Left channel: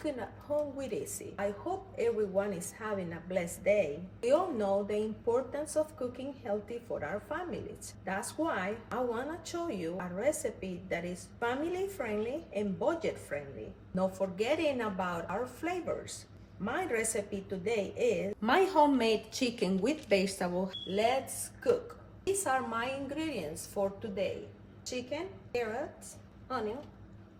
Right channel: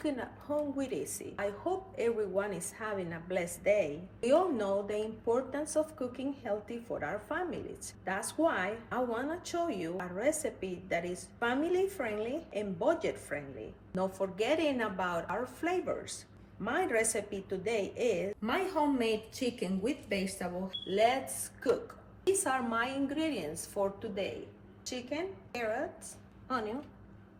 cooking at home with Izzy. I hope everyone is having a blessed day. We all know the importance of cooking healthy for our families. That's why I want to show you a recipe that is family friendly and budget friendly. Not forgetting about our flavors. My recipe today is my homemade chicken with vegetables. Let's cook. These are my ingredients for today: chicken, carrots, onion,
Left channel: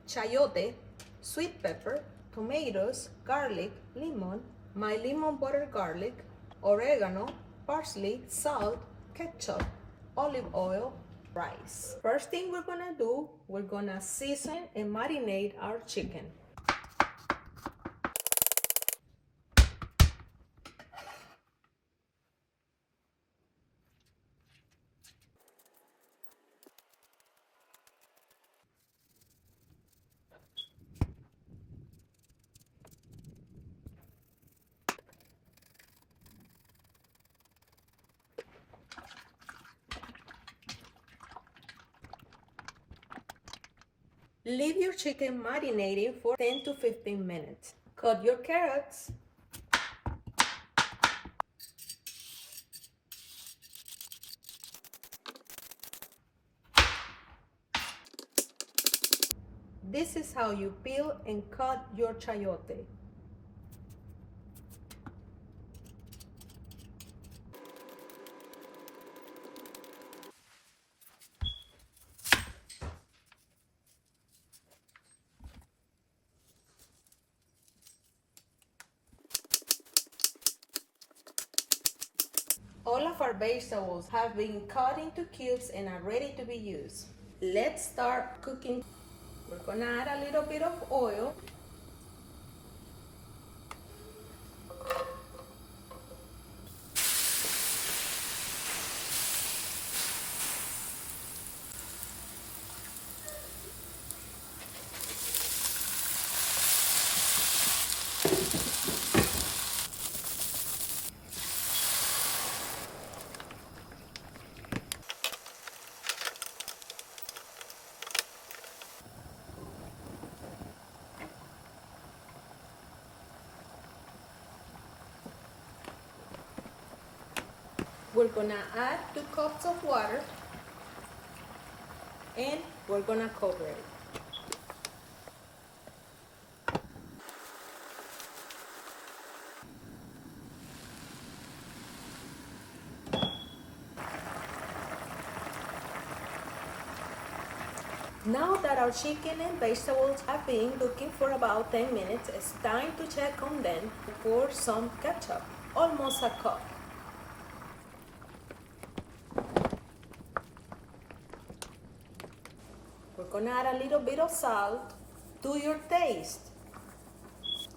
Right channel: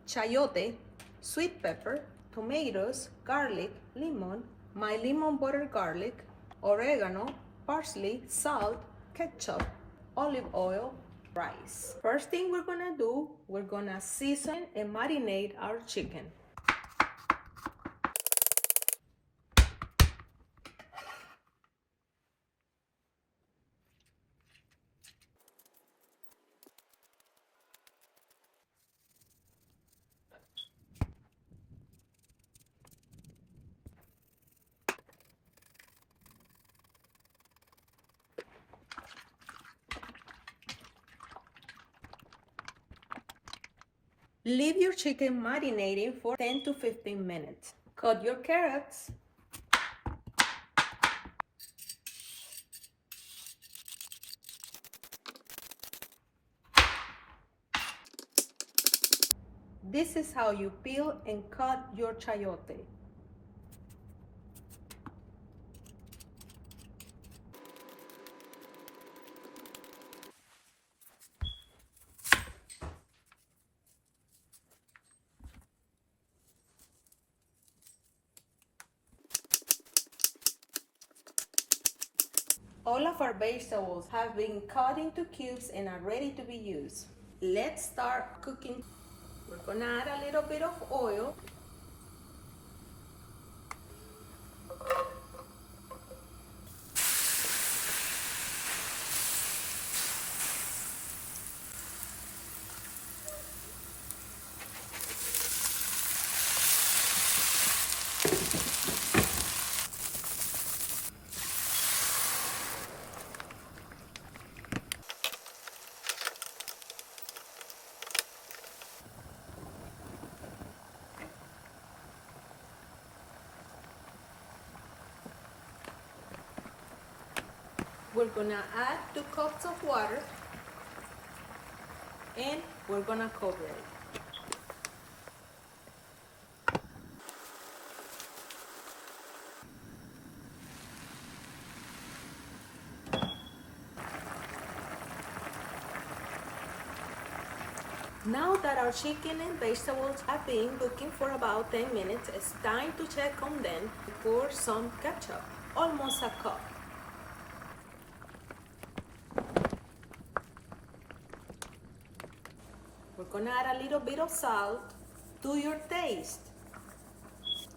chayote, sweet pepper, tomatoes, garlic, lemon, my lemon butter garlic, oregano, parsley, salt, ketchup, olive oil, rice. First thing we're gonna do, we're gonna season and marinate our chicken. Leave your chicken marinating for 10 to 15 minutes. Cut your carrots. This is how you peel and cut your chayote. All of our vegetables have been cut into cubes and are ready to be used. Let's start cooking. We're gonna add a little bit of oil. We're gonna add 2 cups of water and we're gonna cover it. Now that our chicken and vegetables have been cooking for about 10 minutes, it's time to check on them. Pour some ketchup, almost a cup. We're gonna add a little bit of salt to your taste.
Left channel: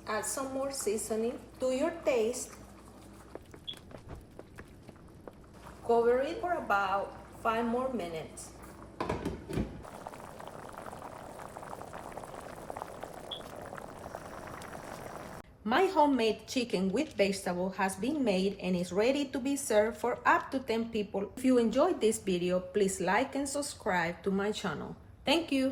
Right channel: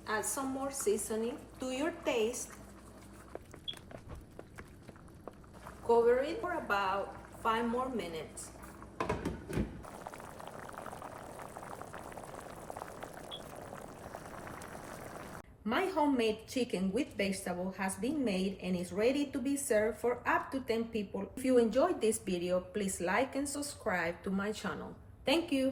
Add some more seasoning to your taste. Cover it for about 5 more minutes. My homemade chicken with vegetable has been made and is ready to be served for up to 10 people. If you enjoyed this video, please like and subscribe to my channel. Thank you.